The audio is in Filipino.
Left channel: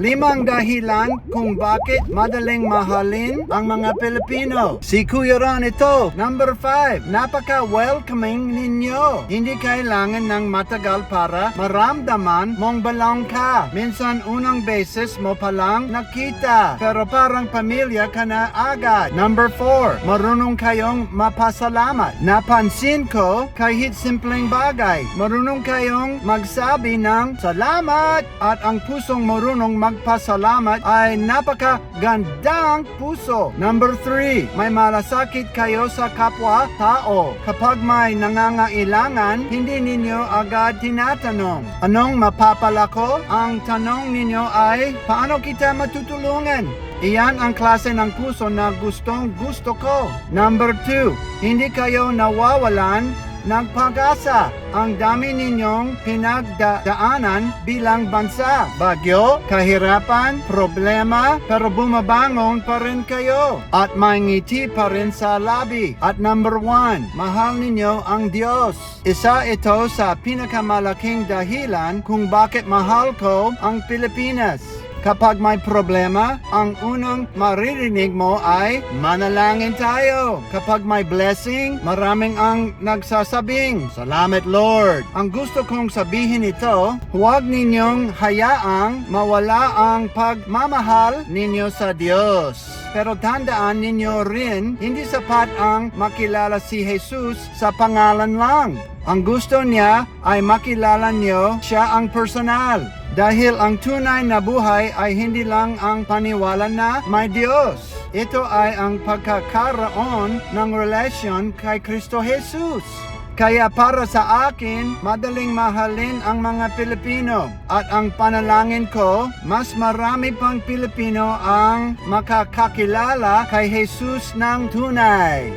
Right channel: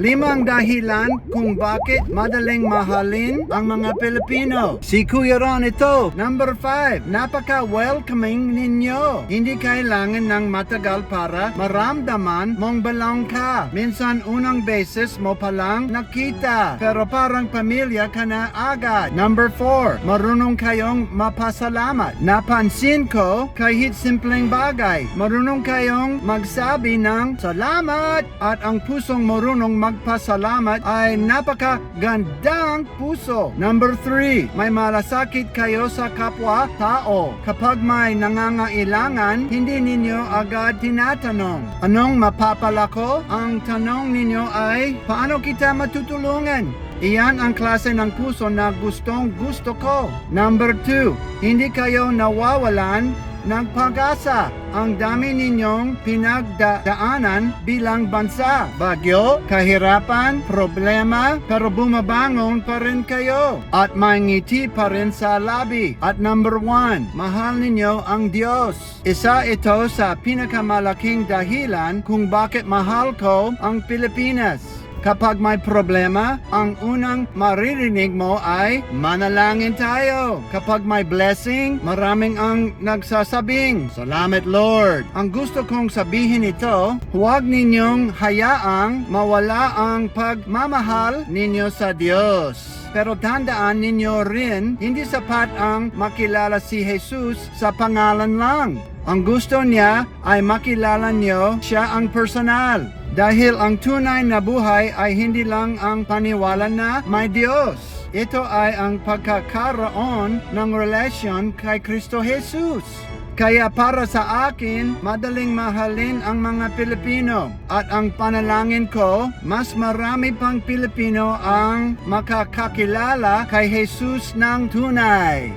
5 dahilan kung bakit madaling mahalin ang mga Pilipino. Si Kuya Ron ito. Number 5, napaka-welcoming ninyo. Hindi kailangan ng matagal para maramdaman mong belong ka. Minsan unang beses mo palang nakita, pero parang pamilya ka na agad. Number 4, marunong kayong mapasalamat. Napansin ko kahit simpleng bagay, marunong kayong magsabi ng salamat, at ang pusong marunong magpasalamat ay napakagandang puso. Number 3, may malasakit kayo sa kapwa-tao. Kapag may nangangailangan, hindi ninyo agad tinatanong, anong mapapala ko? Ang tanong ninyo ay, paano kita matutulungan? Iyan ang klase ng puso na gustong gusto ko. Number 2, hindi kayo nawawalan ng pag-asa. Ang dami ninyong pinagdaanan bilang bansa. Bagyo, kahirapan, problema, pero bumabangon pa rin kayo. At may ngiti pa rin sa labi. At number 1, mahal ninyo ang Diyos. Isa ito sa pinakamalaking dahilan kung bakit mahal ko ang Pilipinas. Kapag may problema, ang unang maririnig mo ay, manalangin tayo. Kapag may blessing, maraming ang nagsasabing, salamat Lord. Ang gusto kong sabihin ito, huwag ninyong hayaang mawala ang pagmamahal ninyo sa Diyos. Pero tandaan ninyo rin, hindi sapat ang makilala si Jesus sa pangalan lang. Ang gusto niya ay makilala niyo siya ang personal. Dahil ang tunay na buhay ay hindi lang ang paniwala na may Diyos. Ito ay ang pagkakaroon ng relasyon kay Kristo Jesus. Kaya para sa akin, madaling mahalin ang mga Pilipino. At ang panalangin ko, mas marami pang Pilipino ang makakakilala kay Jesus ng tunay.